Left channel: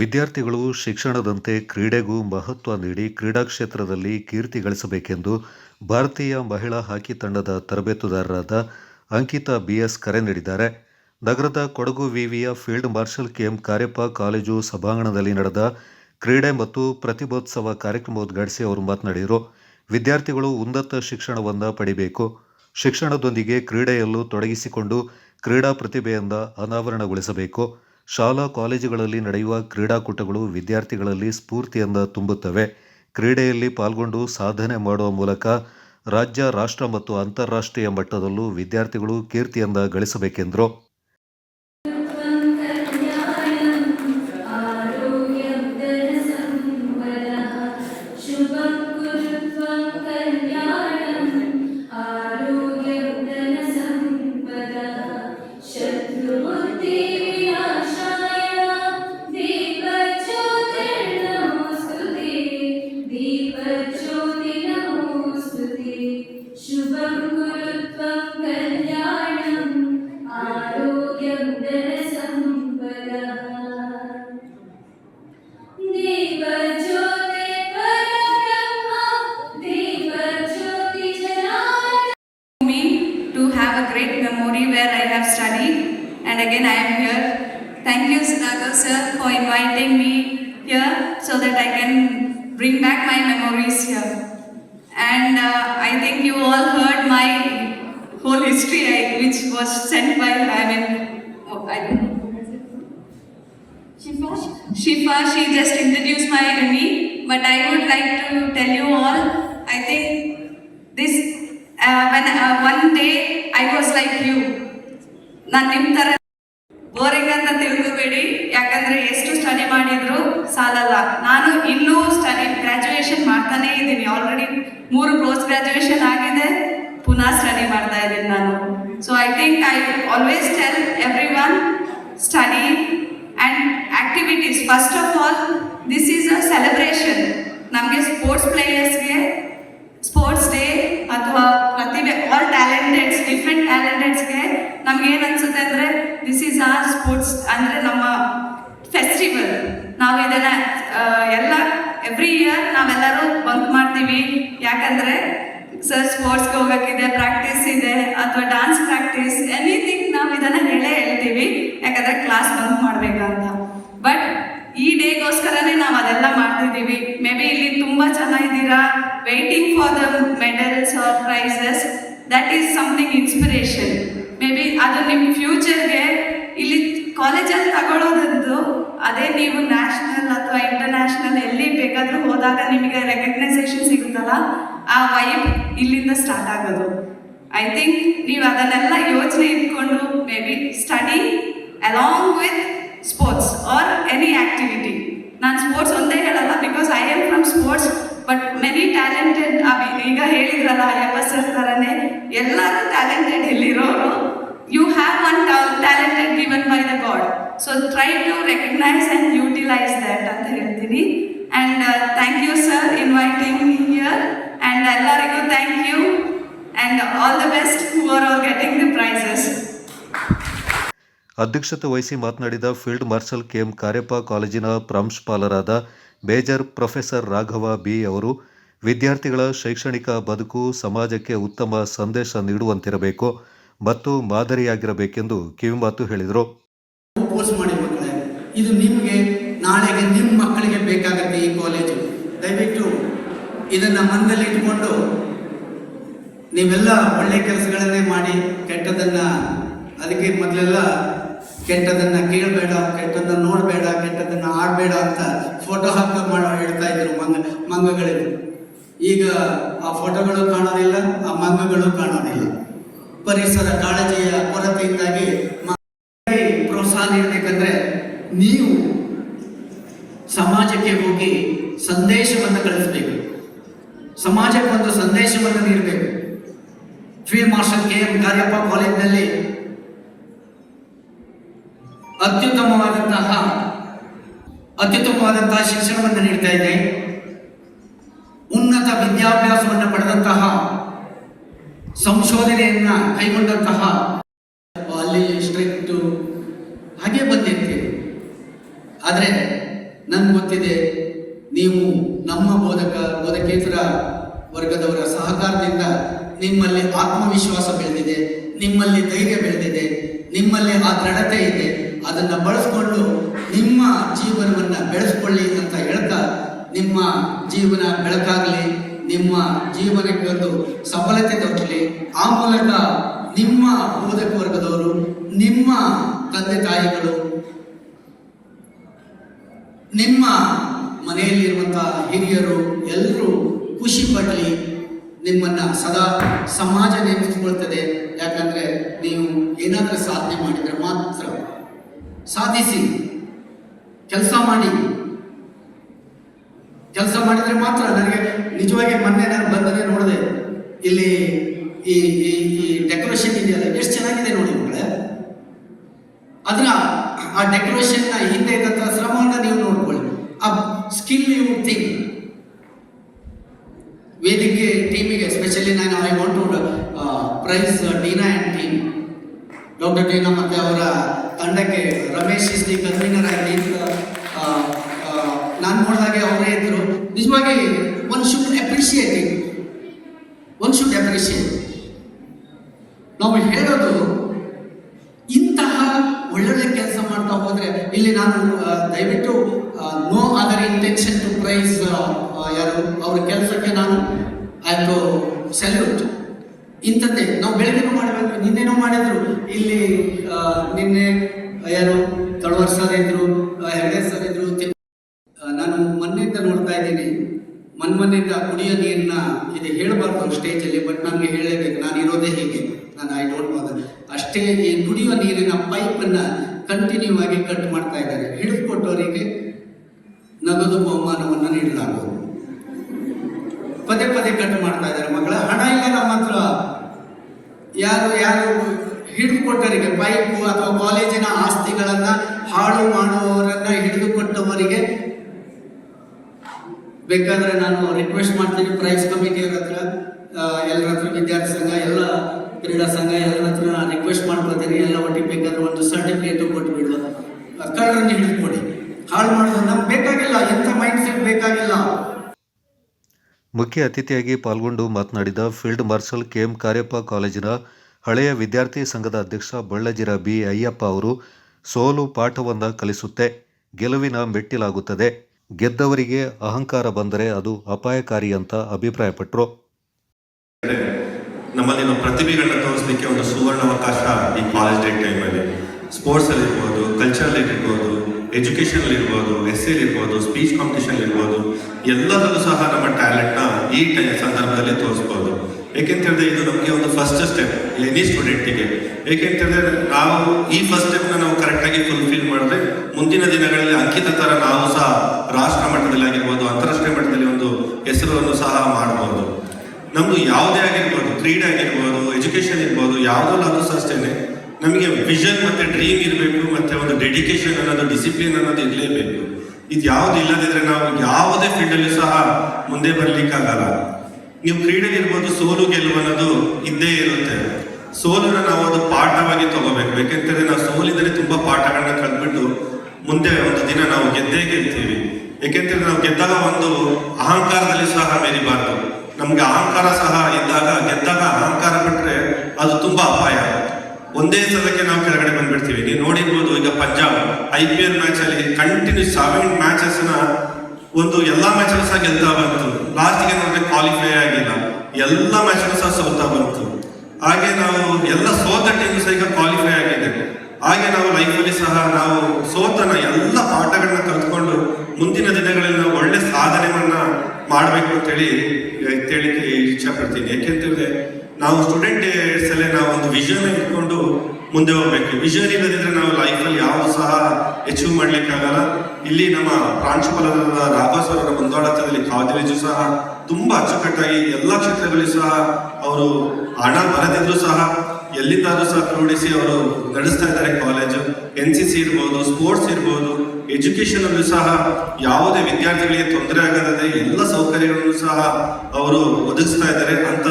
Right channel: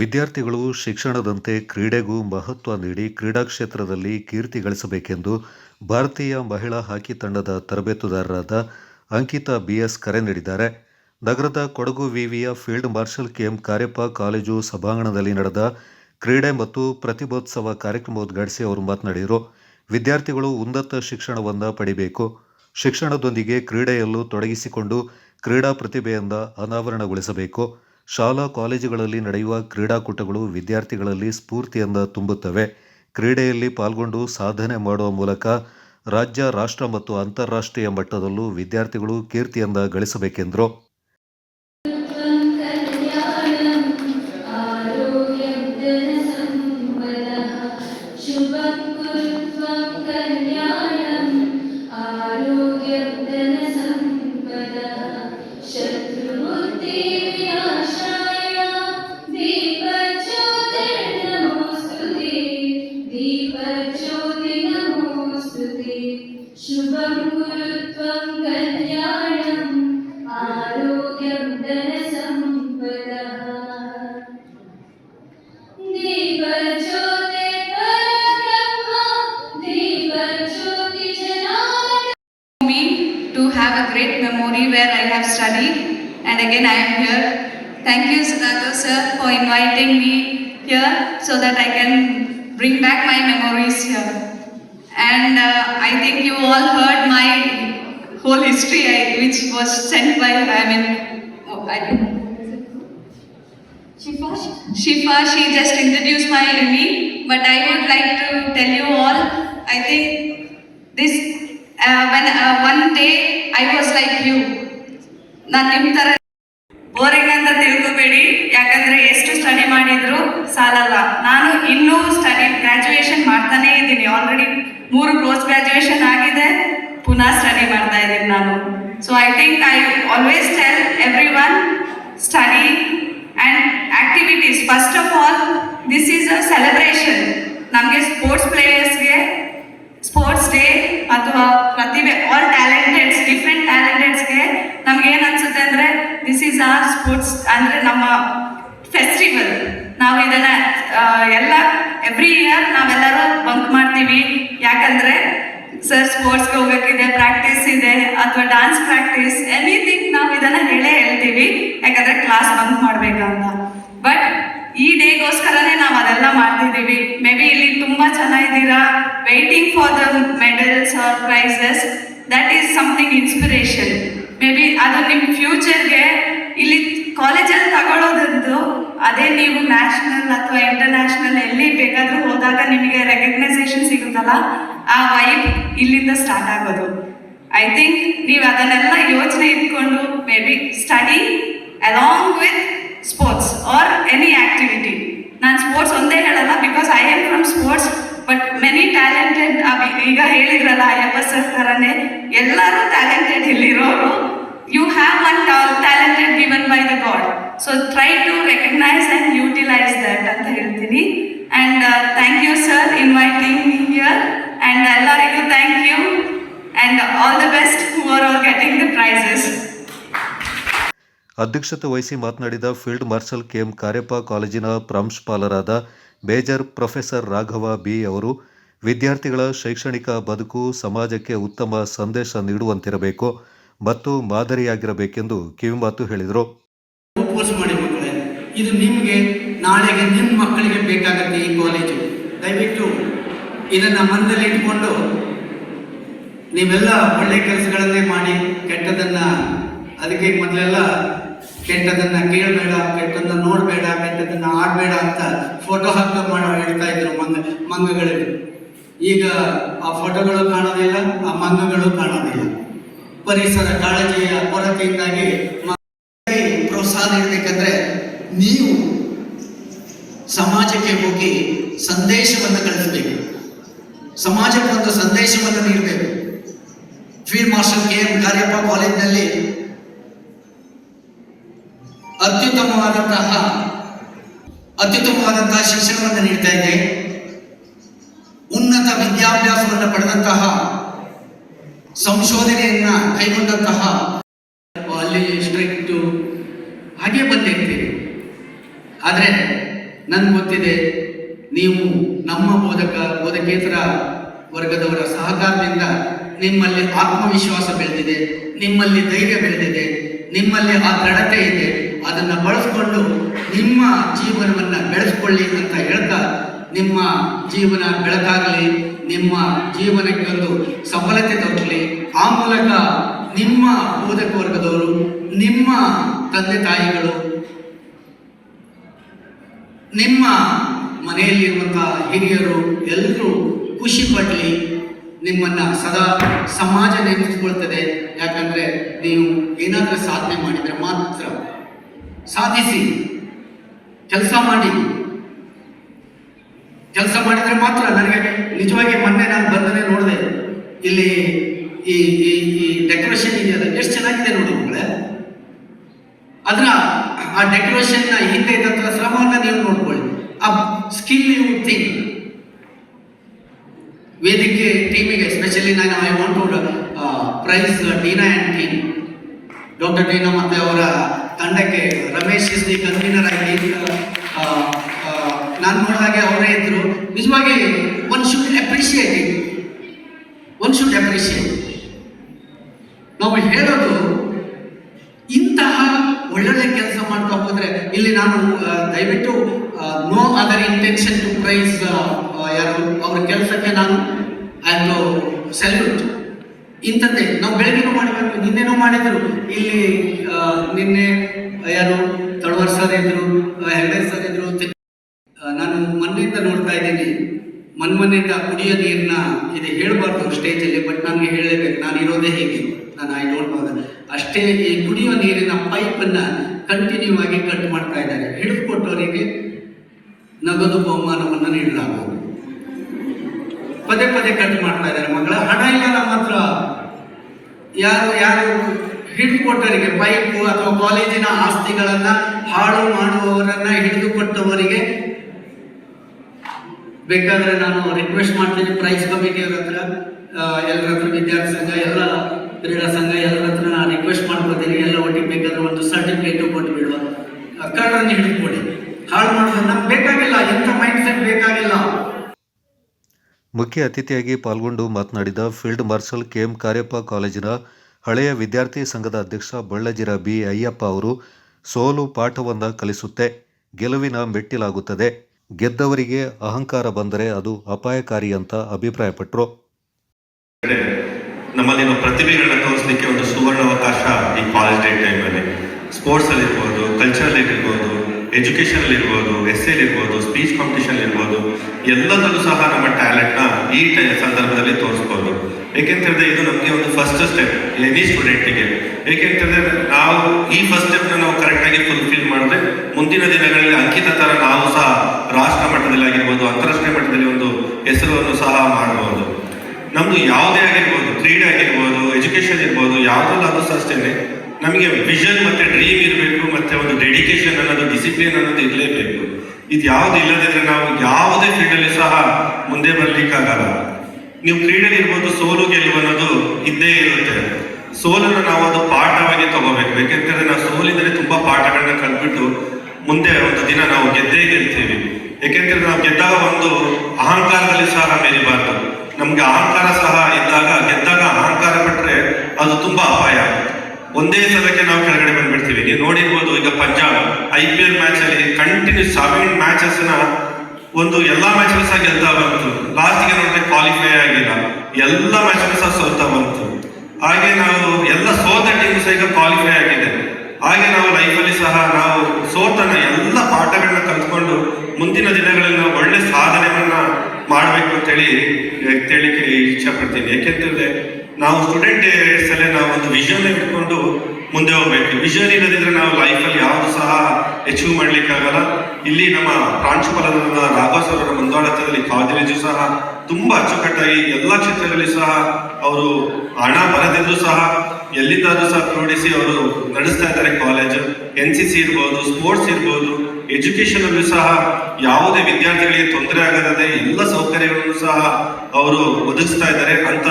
ವಿದ್ಯಾರ್ಥಿಗಳು ಶಿಕ್ಷಣದಂತೆ ಕ್ರೀಡೆಗೂ ಮಹತ್ವ ನೀಡಿ ಕ್ರೀಡಾ ಕ್ಷೇತ್ರದಲ್ಲಿ ಕೀರ್ತಿ ಗಳಿಸಬೇಕೆಂದು ಭಾರತೀಯ ಮಹಿಳಾ ಹಾಕಿ ತಂಡದ ತರಬೇತುದಾರರಾದ ಅಂಕಿತಾ ಬಿಎಸ್ ಕರೆ ನೀಡಿದ್ದಾರೆ. ನಗರದ ಕೊಡಗು ವಿವಿಯ field marshal KM Cariappa college ಸಭಾಂಗಣದಲ್ಲಿ ನಡೆದ ಕ್ರೀಡೆ ಮತ್ತು ಪ್ರತಿಭೋತ್ಸವ ಕಾರ್ಯಕ್ರಮ ಉದ್ಘಾಟಿಸಿ ಅವರು ಮಾತನಾಡಿದರು. ವಿದ್ಯಾರ್ಥಿಗಳು ಉನ್ನತ ಶಿಕ್ಷಣವನ್ನು ಪಡಿಬೇಕು. ಶಿಕ್ಷಣದೊಂದಿಗೆ ಕ್ರೀಡೆಯಲ್ಲೂ ತೊಡಗಿಸಿಕೊಂಡು ಕ್ರೀಡಾ ಪ್ರತಿಭೆಯಿಂದ ಅನಾವರಣಗೊಳಿಸಬೇಕು. ಶಾಲಾ ಕಾಲೇಜುಗಳಲ್ಲಿ ನಡೆಯುವ ಕ್ರೀಡಾಕೂಟಗಳು ವಿದ್ಯಾರ್ಥಿಗಳಲ್ಲಿ ಸ್ಫೂರ್ತಿಯನ್ನು ತುಂಬುತ್ತವೆ. ಕ್ರೀಡೆಯಲ್ಲಿ ಪಾಲ್ಗೊಂಡು ಸಾಧನೆ ಮಾಡುವ ಮೂಲಕ ರಾಜ್ಯ, ರಾಷ್ಟ್ರ ಮತ್ತು ಅಂತಾರಾಷ್ಟ್ರೀಯ ಮಟ್ಟದಲ್ಲೂ ವಿದ್ಯಾರ್ಥಿಗಳು ಕೀರ್ತಿಯನ್ನು ಗಳಿಸಬೇಕೆಂದರು. शुभं कुरुत्वं कल्याणं आरोग्यं धनसम्पदः दीपज्योतिर्परब्रह्म दीपज्योतिजनार्दन. Me to have a great memory where I have studied and again I am here. Thank you Sudhakar sir for inviting me here so that I can bring back my memories here. And I think you all heard my whole history which was sent by, Shifa, she just introduced me, but I would like to tell you all, I think this, when one day I was like you, ನಾನು ನಿಮ್ಮ ಥರ boring ಅಂತ ತಿಳ್ಕೊಬೇಡಿ, ಯಾಕಂದರೆ ಎಷ್ಟು study ಮಾಡಿದ್ರು ಸಾಲಲ್ಲ. ನಾನು ಇನ್ನೂ ಗ್ರ್ಯಾಜುಯೇಷನ್ ಮಾಡ್ತಾನೇ ಇದ್ದೀನಿ. ಆಲ್ರೆಡಿ 3 ಪೋಸ್ಟ್ ಗ್ರ್ಯಾಜುಯೇಷನ್ ಆಗಿದೆ, ಪುನಃ ಸ್ಟಡಿ ಮಾಡ್ತಾ ಇದ್ದೀನಿ ನಾನು. So I think I always tell every one, study and activities. First of all this is a celebration. ನಮಗೆ ಸ್ಪೋರ್ಟ್ಸ್ ಪ್ಲೇಯರ್ಸ್ಗೆ ಸ್ಪೋರ್ಟ್ಸ್ ಡೇ ಅಥವಾ ಪ್ರತಿಭೆ, ಆಲ್ ಟ್ಯಾಲೆಂಟೆಡ್ಸ್, ಡಿಫ್ರೆಂಟ್ ಟ್ಯಾಲೆಂಟೆಡ್ಸ್ಗೆ ನಮಗೇನು ಅನ್ಸುತ್ತೆ ಅಂದರೆ ದಿಸ್ ಈಸ್ ಆರ್ ಸ್ಪೋರ್ಟ್ಸ್, ಅಂದರೆ ನಮ್ಮ ಫೆಸ್ಟಿವಲ್. ನಾವು ಇದನ್ನು ಎಲ್ಲ ಎವ್ರಿ ಇಯರ್ ನಾವೆಲ್ಲರೂ ಬಂಕ್ ಮಾಡ್ತೀವಿ. ಯಾಕಂದರೆ ಸರ್ ಸ್ಪೋರ್ಟ್ಸ್ಗೆ ಹೋಗೋಕ್ಕಿದೆ, ಪ್ರಾಕ್ಟೀಸ್ ಇದೆ, ಅಥವಾ ಡಾನ್ಸ್ ಪ್ರಾಕ್ಟೀಸ್, ಎನಿಥಿಂಗ್ ನಾವು ಇದನ್ನು ಹೇಳ್ತೀವಿ, ಯಾಕಂದರೆ ಕ್ಲಾಸ್ ಬಂಕ್ ಮಾಡಬೇಕಂತ. ಬಟ್ ಈ ಡೇಗೋಸ್ಕರನೇ ನಾವು ಅದೆಲ್ಲ ಮಾಡ್ತಿದ್ದೀವಿ. ಮೇ ಬಿ ಇಲ್ಲಿ ತುಂಬ ಚೆನ್ನಾಗಿದ್ದೀರಾ, waiting for the medals or prizes. That is something inspiration. Maybe ಅದು ನಿಮ್ಮ ಫ್ಯೂಚರ್ಗೆ ಇಲ್ಲಿ ಕಾಲೇಜಲ್ಲಿ ತಗೊಳ್ಳೋದಂದು, ಅದೇ ನೀವು ನ್ಯಾಷನಲ್ ಅಥವಾ ಇಂಟರ್ನ್ಯಾಷನಲ್ ಎಲ್ಲಿ ಬೇಕಾದರೂ ಹೋದಾಗ ನಿಮಗೆ ರೆಕಗ್ನೈಸೇಷನ್ ಸಿಗುತ್ತಲ್ಲ, ಆ ವೈಬ್ ಇಲ್ಲಿಂದ ಸ್ಟಾರ್ಟ್ ಆಗೋದು. ಐ ಥಿಂಕ್ ನೀವು ಅದನ್ನೆಲ್ಲ ಯೋಚನೆ ಇಟ್ಕೊಂಡು may be study along with sports R any activity. ನಾನು ಸ್ಪೋರ್ಟ್ಸ್ ಒಂದೇ ಹೇಳಲ್ಲ, because I am from sports, but many talented, ಈಗ ಹೇಳಿದ್ರಲ್ಲ ಅಯ್ಯಪ್ಪ ಸರ್ ಥರನೇ ಎಲ್ಲರೂ talented ಇಲ್ಲಿರೋರು. You have one talented given by the God. So try to recognize and utilize that ಅಂತ ಹೇಳ್ತೀನಿ. And thank you sir inviting me here. And ಎಲ್ಲರಿಗೂ thank you and all the best who are all getting the prizes. ಅಧ್ಯಕ್ಷತೆ ವಹಿಸಿ ಮಾತನಾಡಿದ field marshal KM Cariappa ಕಾಲೇಜಿನ ಪ್ರಾಂಶುಪಾಲರಾದ major professor Raghava B ಅವರು ವಿದ್ಯಾರ್ಥಿಗಳ ಶೈಕ್ಷಣಿಕ ಬದುಕು ಸಮಾಜಕ್ಕೆ ಉತ್ತಮ ಸಂದೇಶ ನೀಡುವಂತಿರಬೇಕು ಮತ್ತು ಮಾದರಿಯಾಗಿರಬೇಕೆಂದು ಕಿವಿಮಾತು ಹೇಳಿದರು. ಇದು ನಿಮಗೆ ನಾಳೆಗೆ ನಿಮ್ಮ ಮಕ್ಕಳಿಗೆ ಬೇಕಾಗುತ್ತೆ ಈ ಕಾಲೇಜು. ದಯವಿಟ್ಟು ಇದನ್ನು ಮನದಲ್ಲಿ ಇಟ್ಕೊಂಡು ನೀವೆಲ್ಲ ಒಳ್ಳೆ ಕೆಲಸಗಳನ್ನೇ ಮಾಡಿ, ಕೆಟ್ಟದನ್ನು ಅದಕ್ಕೆ ಮೊದಲೆಲ್ಲ ಕೆಟ್ಟದನ್ನು ಕೇಳಬೇಡ, ಕೆಟ್ಟದನ್ನು ನೋಡಬೇಡ, ಕೆಟ್ಟದನ್ನು ಆಡಬೇಡ ಅಂತ ಫೋಟೋ ಹಾಕೋ ಹೇಳ್ತಾ ಇದ್ರು ಮಂಗಗಳಿಗೆ. ಈಗ ಆ ಫೋಟೋಗಳು ಕಾಣೋದಿಲ್ಲ, ಆ ಮಂಗಗಳು ಕಾಣೋದಿಲ್ಲ. ಪರಿಸರ ಕಾಳಜಿಯ ಕೊರತೆಯಿಂದಾಗಿ ಪ್ರೋತ್ಸಾಹ ನೀಡಬೇಕಂದ್ರೆ ನೀವು ಸಮಾಜಕ್ಕೆ ಹೋಗಿ ಸಂದೇಶವನ್ನು ಕಳಿಸಬೇಕು, ಸಮಾಜಕ್ಕೆ ಒಂದು ಸಂದೇಶವನ್ನು ನೀಡಬೇಕು. ಫೀಲ್ಡ್ ಮಾರ್ಷಲ್ ಕೆಎಂ ಕಾರ್ಯಪ್ಪ ಕಾಲೇಜಿನಲ್ಲಿ ಅತ್ಯುತ್ತಮವಾದಂತಹ ಶಿಕ್ಷಣವನ್ನು ನೀಡ್ತಾ ಇದೆ. ಉನ್ನತ ವಿದ್ಯಾಭ್ಯಾಸವನ್ನು ಪಡೆದಂತಹ, ಸಂಶೋಧನೆಯನ್ನ ಕೈಗೊಂಡಂತಹ, ಅಲ್ಲಿ ಸ್ಟ್ರಿಕ್ಟು ಹಾಗೆ ಬಂದಿರ್ತೀವಿ. ಆದರೆ ನನ್ಗೆ ಗೊತ್ತಿದೆ ನೀವು ನಮ್ಮ ಬೋಧಕೇತರ ವರ್ಗದವರ ಸಹಕಾರದಿಂದ ನಿಮ್ಮಲ್ಲಿ ಆತ್ಮವಿಶ್ವಾಸ ಬೆಳೆದಿದೆ, ನಿಮ್ಮಲ್ಲಿ ಧೈರ್ಯ ಬೆಳೆದಿದೆ, ನಿಮ್ಮಲ್ಲಿ ಆ ದೃಢತೆ ಇದೆ. ಅದನ್ನು ಬಳಸ್ಕೊಂಡು ನಿಮ್ಮ ಜೀವನವನ್ನು ಬೆಳೆಸ್ಕೊಳ್ಳಿ ಅಂತ ಹೇಳ್ತಾ, ನಿಮ್ಮ ಜೀವನ ಬೆಳಕಾಗಲಿ, ನಿಮ್ಮ ಜೀವನಕ್ಕೆ ಒಂದು ಸಫಲತೆ ದೊರಕಲಿ. ಆ ಮೂಲಕ ನಿಮ್ಮ ಬೋಧಕ ವರ್ಗದವರು, ನಿಮ್ಮ ತಂದೆ ತಾಯಿಗಳು, ನಿಮ್ಮ ಮನೆಯಲ್ಲಿರುವಂತಹ ಹಿರಿಯರು ಎಲ್ಲರೂ ಖುಷಿ ಪಡಲಿ. ನಿಮ್ಮನ್ನ ಸದಾ ಸಮಾಜ ನೆನೆಸ್ಕೊಳ್ತದೆ. ಯಾಕಂದ್ರೆ ನೀವು ಏನಾದರೂ ಸಾಧನೆ ಮಾಡಿದ್ರೆ ಮಾತ್ರ, ಸಾಧಿಸಿ, ಕೆಲಸ ಮಾಡಿದ್ರೆ ಮಾತ್ರ. ನನಗೆ ನಿಜವಾಗಿ ಮೊನ್ನೆ ನಾನು ಬಂದನೆ ನೋಡಿದೆ, ಇಲ್ಲಿ ಈ ಡೆಕೋರೇಷನ್ ಇದೆಯಲ್ಲ, ಎಷ್ಟು ಚೆನ್ನಾಗಿದೆ ನೋಡಿ ಮಕ್ಕಳೇ. ಅದರ ಆ ಡೆಕೋರೇಷನ್ ಹಿಂದೆ ಇದ್ದಂಥ ಶ್ರಮವನ್ನು ನೀವು ನೋಡ್ಕೊಳ್ಳಿ. ಆ ಸ್ಕಿಲ್ ಯು ಥಿಂಕ್. ವೇದಿಕೆ ಟೀಮಿಗೆ specially I want to praise Deena and team, doctor Deena ಮತ್ತು ಅವರ ತಂಡಕ್ಕೆ. ರಮೇಶ್ ಇಸ್ ದಿ ಕನ್ವೀನರ್ ಆಗಿ ನಾನು ನೋಡಿದಾಗೆ ಅವರೇ ಇದ್ರು. ನಿಜವಾಗಿ ಒನ್ ಶುಡ್ ಅಪ್ರಿಷಿಯೇಟ್ ಇಟ್, ನಾವು ಹೇಳೋದು ಇಂತಹ ಒಳ್ಳೊಳ್ಳೆ ಕೆಲಸ ಮಾಡ್ತಾ ಹೋದ್ರೆ. ಇಲ್ಲಿ ನಾನು ದಯವಿಟ್ಟು no other intention to praise ಯಾರು ಅವರ ಕೆಲಸಕ್ಕೆ ನಾನು ಐ ಟು ಸೆಲ್ಯೂಟ್. ಇಂಥದ್ದೇ ನಾವು ಬೆಳಗ್ಗೆನೂ ಮಾಡಬೇಕು, ನಿನ್ನೆನೂ ಮಾಡಿದ್ರು. ಇಲ್ಲಿ ನಿನ್ನೆ ಯಾರು ತಳವಾರ್ ಸರ್ ಇದ್ರು, ಹೆಗಡೆ ಸರ್ ಇದ್ರು. ನಾನು ಮೊನ್ನೆಯಿಂದ ನೋಡ್ತಾ ಇದ್ದೀನಿ, ಮೊನ್ನೆಯಿಂದ ಕುಡಿಯೋ ನೀರನ್ನ ಇದು ಹೇಳಬಾರ್ದು ಸ್ಟೇಜಲ್ಲಿ, ಬಟ್ ನನಗೆ ಹೇಳಲೇಬೇಕು. ನಾನು ಇರೋದೇ ಹೇಗೆ, ನಾನು ಐ ಡೋಂಟ್ ನೋ ದಟ್. ಅಷ್ಟೇ ಈ ಕುಡಿಯುವ ನೀರಿನ ಪೈಪನ್ನು ಕಂಟಿನ್ಯೂ ಆಗಿ ಕಟ್ ಮಾಡ್ತಾ ಇದ್ದಾರೆ. ಹಿಡಿದುಕೊಟ್ಟವರಿಗೆ ನಗದು ಬಹುಮಾನವನ್ನು ನೀಡಲಾಗುವುದು. ಪದೇ ಕಟ್ ಮಾಡ್ತಾ ಇದ್ದಾರೆ. ಮಗಳ ಹಣ ಇಲ್ಲ ನಮ್ಮ ಹತ್ರ. ಯಾರು ಹಿಡಿದುಕೊಟ್ಟವರಿಗೆ ಪೈಪು ಅಥವಾ ಕಾಲೇಜಿನ ಆಸ್ತಿಗಳನ್ನ ಹಾಳು ಮಾಡುವವರನ್ನ ಹಿಡಿದುಕೊಟ್ಟವರಿಗೆ ಬೇಕಾದ್ರೆ ನಾನು ರಿಕ್ವೆಸ್ಟ್ ಮಾಡ್ತೀನಿ, ಪ್ರೈಸ್ ಕಮಿಟಿಯವ್ರ ಹತ್ರ, ಎಲ್ಲರ ಹತ್ರ, ವಿದ್ಯಾರ್ಥಿ ಸಂಘ, ಎಲ್ಲ ಕ್ರೀಡಾ ಸಂಘ, ಎಲ್ಲರ ಹತ್ರ ನಾನು ರಿಕ್ವೆಸ್ಟ್ ಮಾಡ್ಕೊತೀನಿ. ಎಲ್ಲ ಒಟ್ಟಿಗೆ ಬೇಕಾದ್ರೆ ಒಂದು ಸರ್ಟಿಫಿಕೇಟು ಕೊಟ್ಟು ಬಿಡುವ. ಕಳ್ಳರನ್ನು ಹಿಡಿದುಕೊಡಿ. ಹಾಳು ಮಾಡೋದು ನಮ್ಗೆ ಬೇಕಾಗಿಲ್ಲ, ಇಂಥ ಮೈಂಡ್ ಸೆಟ್ ಬೇಕಾಗಿಲ್ಲ. ಮುಖ್ಯ ಅತಿಥಿಯಾಗಿ ಪಾಲ್ಗೊಂಡು ಮಾತನಾಡಿದ ಫೀಲ್ಡ್ ಮಾರ್ಷಲ್ KM ಕಾರ್ಯಪ್ಪ ಕಾಲೇಜಿನ ಹಳೆಯ ವಿದ್ಯಾರ್ಥಿ ಸಂಘದ ಅಧ್ಯಕ್ಷ ಬಳ್ಳಜಿರ B ಅಯ್ಯಪ್ಪ ಅವರು, ಸೋಲು ಪಾಠವನ್ನು ಕಲಿಸುತ್ತೆ, ಗೆಲುವಿನ ಮೆಟ್ಟಿಲಾಗುತ್ತದೆ, ಗೆದ್ದವರಿಗೆ ಅಹಂಕಾರ ಬಂದರೆ ಅದು ಅಪಾಯಕಾರಿ ಅಂತ ಅಭಿಪ್ರಾಯಪಟ್ಟರು. ನಮ್ಮಲ್ಲಿರುವ ಪ್ರತಿಭೆಗಳನ್ನ ತೋರಿಸಲಿಕ್ಕೆ ಒಂದು ಸುವರ್ಣಾವಕಾಶ ಈ ಕಾಲೇಜ್ ಡೇ ಟೈಮಲ್ಲಿ. ಸ್ಪೋರ್ಟ್ಸಲ್ಲಿ ಇರ್ಬೋದು, ಕಲ್ಚರಲ್ಲಿ ಇರ್ಬೋದು, ಎಜುಕೇಷನಲ್ಲಿ ಇರ್ಬೋದು, ಎಸ್ಸೇಲಿ ಇರ್ಬೋದು, ಸ್ಪೀಚ್ ಕಾಂಪಿಟೇಷನ್ ಇರ್ಬೋದು, ಎಲ್ಲದರಲ್ಲೂ ಸಹ ನಮ್ಮ ಟ್ಯಾಲೆಂಟ್ನ ಈ ಸಂದರ್ಭದಲ್ಲಿ ತೋರಿಸ್ಬೋದು. ಏಕೆಂತಂದರೆ ಇದು ನಮಗೆ ಒಂದು ಫಸ್ಟ್ ಸ್ಟೆಪ್ ಎನಿ ಸ್ಟೂಡೆಂಟಿಗೆ. ಏಕೆಂತಂದರೆ ನಾವು ಈ ಫಸ್ಟ್ ಸ್ಟೆಪ್ನ ನಾವು ಕರೆಕ್ಟಾಗಿ ಫುಲ್ಫಿಲ್ ಮಾಡಿದ್ರೆ ಮುಂದಿನ ದಿನಗಳಲ್ಲಿ ಅಂಕಿತ ಥರ ನಾವು ಸಹ ರಾಷ್ಟ್ರ ಮಟ್ಟದಲ್ಲಿ ಆಗಿರ್ಬೋದು, ಅಂತಾರಾಷ್ಟ್ರೀಯ ಮಟ್ಟದಲ್ಲಿ ಒಂದು ಹೆಸರನ್ನು ಸಹ ಮಾಡ್ಬೋದು. ನಮ್ಮದು ಯಾವುದೇ ಆಗಿರ್ಬೋದು, ಕ್ರೀಡೆ ಆಗಿರ್ಬೋದು, ಎಜುಕೇಷನ್ ಇರ್ಬೋದು, ಯಾವುದಲ್ಲಾದ್ರೂ ಸಹ ಅಷ್ಟೇ ನಮಗೆ ವಿಷನ್ ಮತ್ತು ಡ್ರೀಮ್ ಇರಬೇಕು, ಮತ್ತು ಒಂದು ಡೆಡಿಕೇಶನ್ ಅನ್ನೋದು, ಡಿಸಿಪ್ಲಿನ್ ಅನ್ನೋದು ಇರಲೇಬೇಕು. ಇದು ಯಾವುದು ಇಲ್ಲದಿದ್ದರೆ ನಾವು ಯಾವುದೇ ಫೀಲ್ಡಲ್ಲಿ ಸಹ ಮುಂದೆ ಬರಲಿಕ್ಕಾಗಲ್ಲ. ನೀವು ಕ್ರೀಡೆಯಲ್ಲಿ ಇರ್ಬೋದು, ಸೋಲು ಗೆಲುವು ಅನ್ನೋದು ಇದ್ದೇ ಇರುತ್ತೆ. ಸೋಲನ್ನು ನಾವು ಅದು ಪಾಠವಾಗಿ ತಗೋಬೇಕು. ಯಾಕೆಂತಂದರೆ ನಾವು ಸೋಲಿದರೆ ತುಂಬ ಪಾಠಗಳನ್ನ ಕಲ್ತ್ಬಿಟ್ಟು ಮುಂದೆ ಒಂದು ದಿನ ನಾವು ಗೆಲ್ತೀವಿ. ಏಕೆಂತಂದ್ರೆ ನಾವು ಗೆದ್ದಾಗ ಒಂದು ಅಹಂಕಾರದಲ್ಲಿ ಸಹ ಮೆರಿಬಾರ್ದು. ನಮ್ಗೆ ಅಹಂಕಾರ ಸಹ ಗೆದ್ದಾಗ ಅಹಂಕಾರ ಬಿಟ್ರೆ ಅದು ತುಂಬಾ ಅಪಾಯ. ಒಂದೇ ಸಲಕ್ಕೆ ನಾವು ಕೆಳಗಡೆ ಬಂದ್ಬಿಡ್ತೀವಿ. ನೀವು ನೋಡಿರ್ಬೋದು, ಈಗ ಪಂಜಾಬ್ IPL ಮ್ಯಾಚ್ ಅಲ್ಲಿ ಕಂಟಿನ್ಯೂ 7 ಮ್ಯಾಚಸ್ ಒಂದು ಎಲ್ಲಾ ಮ್ಯಾಚ್ ಸಹ ಗೆಲ್ತಾ ಬಂತು. ಲಾಸ್ಟ್ಗೆ ನೋಡಿದ್ರೆ ಕ್ವಾಲಿಫೈ ಆಗಿಲ್ಲ, ಎಲ್ಲ ಮ್ಯಾಚ್ ಸಹ ಸೋಲ್ತಾ ಬಂತು. ಹಾಗೆ ನಾವು ಎಲ್ಲ ಸೋತ ಟೀಮ್ ಸಹ ಈಗ ಕ್ವಾಲಿಫೈ ಆಗಿದೆ. ಹಾಗೆ ನಾವು ಲೈಫಲ್ಲಿ ಸಹ ನಾವು ಸೋತನ ಎಲ್ಲ ಪಾಠಗಳನ್ನ ಕಲ್ತ್ಕೊಂಡು ಮುಂದಿನ ದಿನಗಳಲ್ಲಿ ನಾವು ಒಳ್ಳೆ ಸಾಧನೆಯನ್ನ ಮಾಡಬೇಕು ಅಂತೇಳಿ ಹೇಳಲಿಕ್ಕೆ ಇಷ್ಟಪಡ್ತೀನಿ. ಏಕೆಂತಂದ್ರೆ ನಾವು ಸ್ಟೂಡೆಂಟ್ ಡೇಸಲ್ಲೇ ನಾವು ಒಂದು ವಿಷನ್ ಇಟ್ಕೊಂಡು ಮುಂದೆ ಹೋಗ್ಬೇಕು. ವಿಷನ್ ಇಲ್ಲದಿದ್ರೆ ನಾವು ಲೈಫಲ್ಲಿ ಯಾವುದು ಸಹ ಅಚೀವ್ ಮಾಡ್ಲಿಕ್ಕಾಗಲ್ಲ. ಇಲ್ಲಿ ನಮ್ಮ ಪ್ರಾಂಶುಪಾಲರಾದ ರಾಘವ ಸರ್ ಅವರ ಮುಂದಾಳತ್ವದಲ್ಲಿ ಕಾಲೇಜು ಸಹ ತುಂಬಾ ಅಚ್ಚುಕಟ್ಟಾಗಿ ಎಲ್ಲ ಕ್ಷೇತ್ರಗಳಲ್ಲಿ ಸಹ ಅವರು ಹಣ ಬರದಿದ್ರು ಸಹ ಎಲ್ಲಿಂದಾದ್ರೂ ಸಹ ಕೂಡಿಸಿ ಅವರು ನಡೆಸ್ತಾ ಇದ್ದಾರೆ. ಕಾಲೇಜು NCC ಇರ್ಬೋದು, ಸ್ಪೋರ್ಟ್ಸ್ ಇರ್ಬೋದು, ಎಜುಕೇಶನ್ ಅಲ್ಲೂ ಸಹ ಯಾವುದೇ ವಿದ್ಯಾರ್ಥಿಗಳಿಗೆ ತೊಂದರೆ ಆಗದೆ ಎಲ್ಲ ಸೌಕರ್ಯಗಳನ್ನು ಸಹ ಅವರು ಒದಗಿಸ್ತಾ ಇದ್ದಾರೆ. ಅಂತ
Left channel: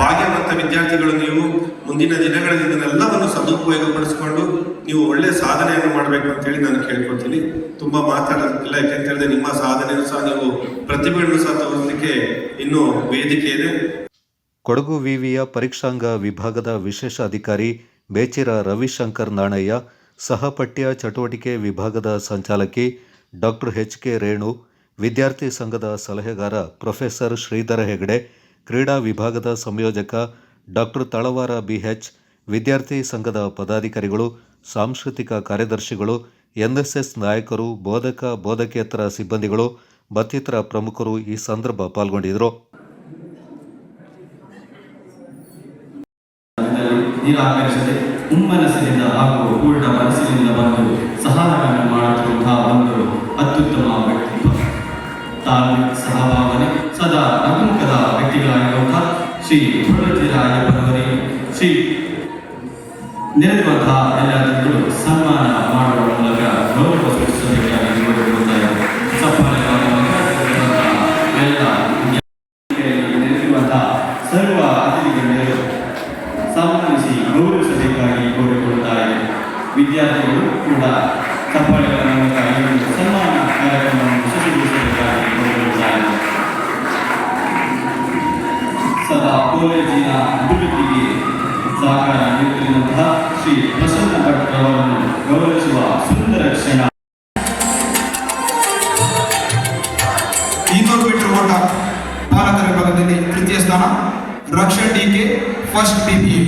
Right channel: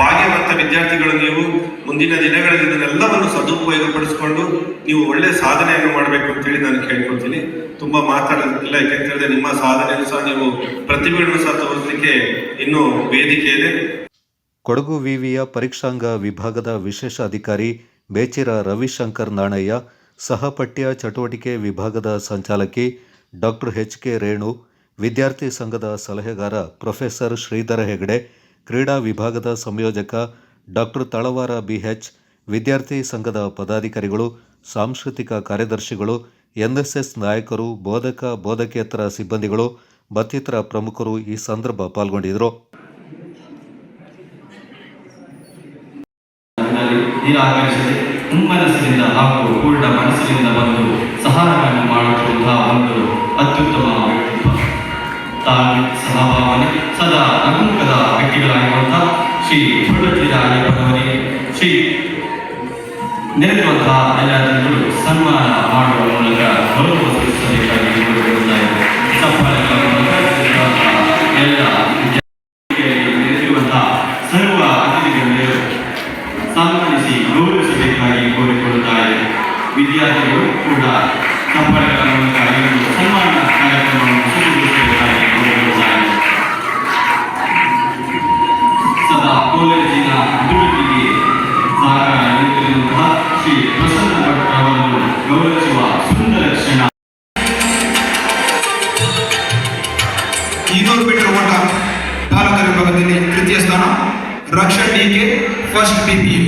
ಭಾಗ್ಯವಂತ ವಿದ್ಯಾರ್ಥಿಗಳು ನೀವು ಮುಂದಿನ ದಿನಗಳಲ್ಲಿ ಇದನ್ನೆಲ್ಲವನ್ನು ಸದುಪಯೋಗಪಡಿಸಿಕೊಂಡು ನೀವು ಒಳ್ಳೆ ಸಾಧನೆಯನ್ನು ಮಾಡಬೇಕು ಅಂತೇಳಿ ನಾನು ಕೇಳ್ಕೊತೀನಿ. ತುಂಬ ಮಾತಾಡೋದಿಲ್ಲ, ಯಾಕೆಂತ ಹೇಳಿದ್ರೆ ನಿಮ್ಮ ಸಾಧನೆಯನ್ನು ಸಹ ನೀವು ಪ್ರತಿಭೆಯನ್ನು ಸಹ ತೋರಿಸಲಿಕ್ಕೆ ಇನ್ನೂ ವೇದಿಕೆ ಇದೆ. ಕೊಡಗು ವಿವಿಯ ಪರೀಕ್ಷಾಂಗ ವಿಭಾಗದ ವಿಶೇಷ ಅಧಿಕಾರಿ ಬೇಚಿರ ರವಿಶಂಕರ್ ನಾಣಯ್ಯ, ಸಹಪಠ್ಯ ಚಟುವಟಿಕೆ ವಿಭಾಗದ ಸಂಚಾಲಕಿ ಡಾಕ್ಟರ್ ಎಚ್.ಕೆ. ರೇಣು, ವಿದ್ಯಾರ್ಥಿ ಸಂಘದ ಸಲಹೆಗಾರ ಪ್ರೊಫೆಸರ್ ಶ್ರೀಧರ ಹೆಗಡೆ, ಕ್ರೀಡಾ ವಿಭಾಗದ ಸಂಯೋಜಕ ಡಾಕ್ಟರ್ ತಳವಾರ ಬಿಎಚ್, ವಿದ್ಯಾರ್ಥಿ ಸಂಘದ ಪದಾಧಿಕಾರಿಗಳು, ಸಾಂಸ್ಕೃತಿಕ ಕಾರ್ಯದರ್ಶಿಗಳು, ಎನ್ಎಸ್ಎಸ್ ನಾಯಕರು, ಬೋಧಕ ಬೋಧಕೇತರ ಸಿಬ್ಬಂದಿಗಳು ಮತ್ತಿತರ ಪ್ರಮುಖರು ಈ ಸಂದರ್ಭ ಪಾಲ್ಗೊಂಡಿದ್ದರು. ನಿರಾಕರಿಸದೆ ಹುಮ್ಮನಸ್ಸಿನಿಂದ ಹಾಗೂ ಪೂರ್ಣ ಮನಸ್ಸಿನಿಂದ ಬಂದು ಸಹಾಯವನ್ನು ಮಾಡುತ್ತಿರುವಂತಹ ಒಂದು ಅತ್ಯುತ್ತಮ ವ್ಯಕ್ತಿತ್ವ, ತಾಳ್ಮೆ, ಸಹಭಾವನೆ, ಸದಾ ನಗುಮುಖದ ವ್ಯಕ್ತಿಗಳಾಗಿರುವಂತಹ ಶ್ರೀ ಪುರಟಿರಾಯಪ್ಪನವರಿಗೆ ಶ್ರೀ ನೆರೆದಿರುವಂತಹ ಎಲ್ಲ ಜನರು ಸನ್ಮಾನ ಮಾಡುವ ಮೂಲಕ ಗೌರವ ಸೂಚಿಸಬೇಕಾಗಿ ಕೋರಿಕೊಳ್ಳುತ್ತಾರೆ. ಸಫಲಗಳ ಮೂಲಕ ಎಲ್ಲ ನೆರೆದಿರುವಂತಹ ಸರ್ವ ಅತಿಥಿಗಳೆಲ್ಲರೂ ಸನ್ಮಾನಿಸಿ ಗೌರವಿಸಬೇಕಾಗಿ ಕೋರಿಕೊಳ್ಳುತ್ತಾರೆ. ವಿದ್ಯಾರ್ಥಿಗಳು ಕೂಡ ಸಫಲಗಳ ಮೂಲಕ ಸನ್ಮಾನ ಕಾರ್ಯಕ್ರಮವನ್ನು ಸಜ್ಜುಗೊಳಿಸಬೇಕಾಗಿ ಕೋರಿಕೊಳ್ಳುತ್ತಾರೆ. ಸದಾ ಕಾಲೇಜಿನ ಅಭಿವೃದ್ಧಿಗೆ ಸಹಕಾರ ನೀಡುತ್ತಿರುವಂತಹ ಶ್ರೀ ಪ್ರಸನ್ನ ಭಟ್ ಅವರನ್ನು ಗೌರವಿಸುವ ಸುಂದರ ಕ್ಷಣ. 200 ಮೀಟರ್ ಓಟ ಬಾಲಕರ ವಿಭಾಗದಲ್ಲಿ ತೃತೀಯ ಸ್ಥಾನ, ರಕ್ಷಣ್ ಡಿಕೆ ಫಸ್ಟ್ PPE.